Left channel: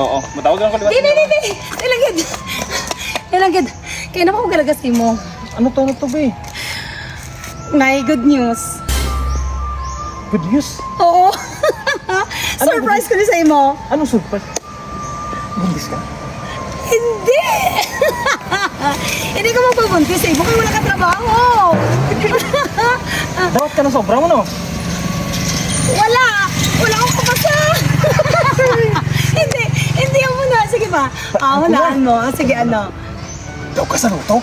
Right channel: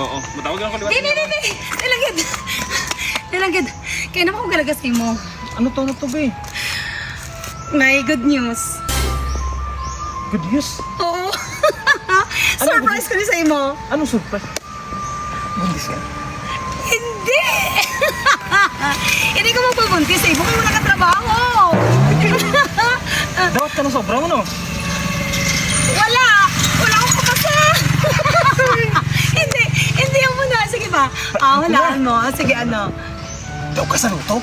Oo, matawag lang ko liwat. Di. Nilagid. Kaya na ko galagas mo. Ano to, be? May good news. Good news? Oo. Surprise ko ni sa imo. Anong surprise? Buntis ka? Hindi. Hindi ko magpabuntis eh. Bukay wala ka trabaho. Dawat ka na sobra mo, no? Wala akong kapasa. Hindi ako muna. Sige ba? Walaan mo. Sige, ano? Daw ka sa luto?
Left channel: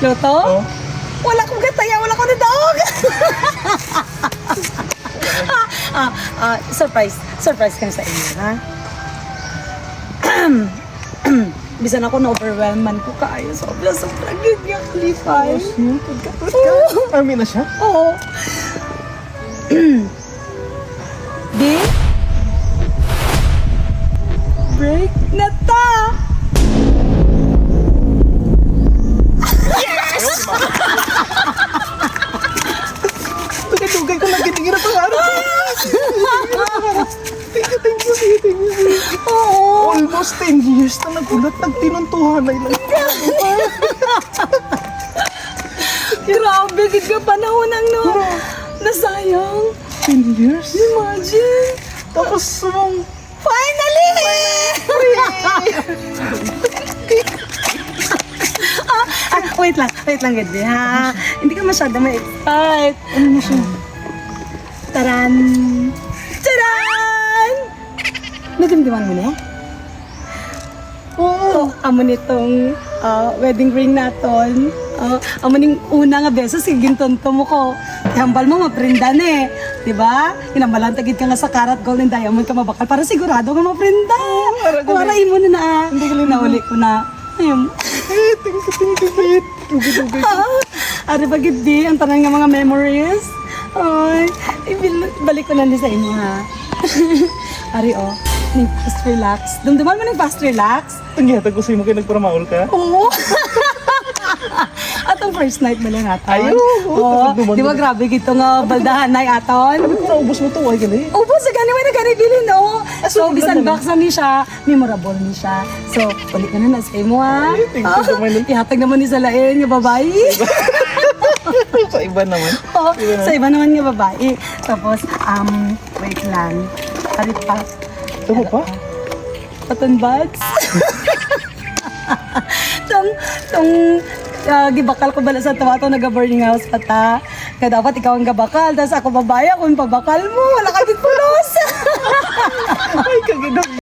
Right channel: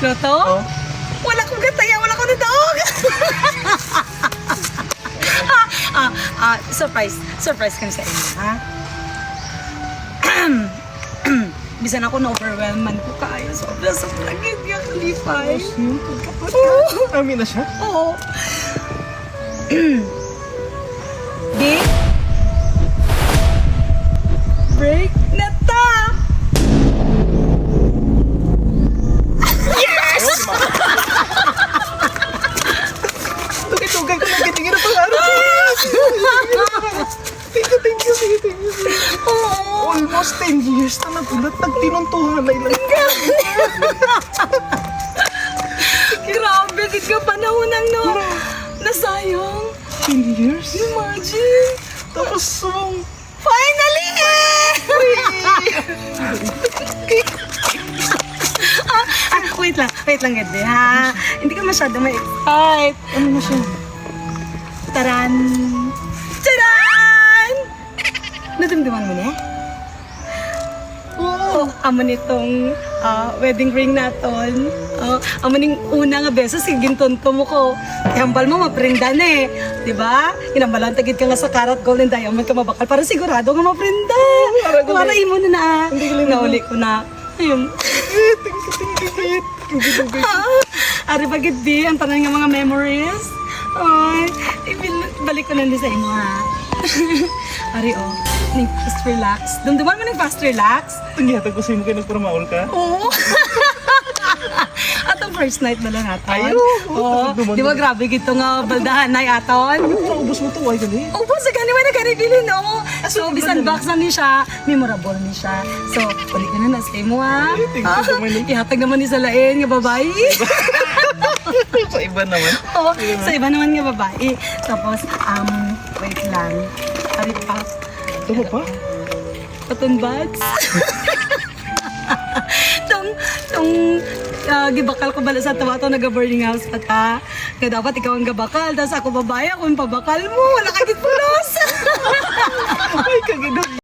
Loto? Oo. Wala akong gataya. Wala akong nadaog. Surprise ka na sa inyo, ha? Bisan ako na-overwhelm man ko kaayo. Sobra gid nga kalipay. Yun, amin na siya? Oo. Di? Break na ta! Tugay ko lang kitingin ang pangarap. Thank you. Oo. Almost 10 years na nagulat, nagtinuntuhan lang. Grabe, gid ka panahon ang no. Nasayang. 10 years? Imagine. Tapos, Finally! Wait lang, gid ha. Hindi ka masyado may excite. ano na siya? Taran! Taran! Nadumduman mo na? Oo. Amo nitong wedding ring naton. Amo ning una nga beses gintonto mo ko. Ihambal mo maprinda na eh. Diba? Hinambalan tagid ka nga sa karat gold and diamond ka mabakal para sigurado nga maprinda. Waray mo na Hindi ka lang nauli ko na. Ayun. Thank you. Tugay. Ari bagid di ang tanan nga mga memories. Ay, balik ko na din sa inyo ha. Ari ning fast relax. Dumduman mo ning fast relax. Tangyatag ko sa'yo mo kayo nagparamaol ka? Oo. Atong first night mo lang aton. Ayaw. Oo. Di ba grabe gito nga baldahan na aton? Naubos mo to, ay gali. Opo, sa gani may nagani-bili no. So, so, bisan ganda box na ni siya, memorable ni siya. So, ulit ka na na sa imo ha. Ay, thank you naman. Ihatag naman ni sa lain nga babae. Sa iba naman. Oo, sa iba naman nga babae. Tapos, wait lang. Ari pa. Ito pa? Patunbats. Gibakal ko bala sa tawa to naga-boarding house pa ta. Nga dapat ikaw ang gabakal, tapos ako babaya kung pabakal mo. Wala ka gid pulos. Ay, kagidot.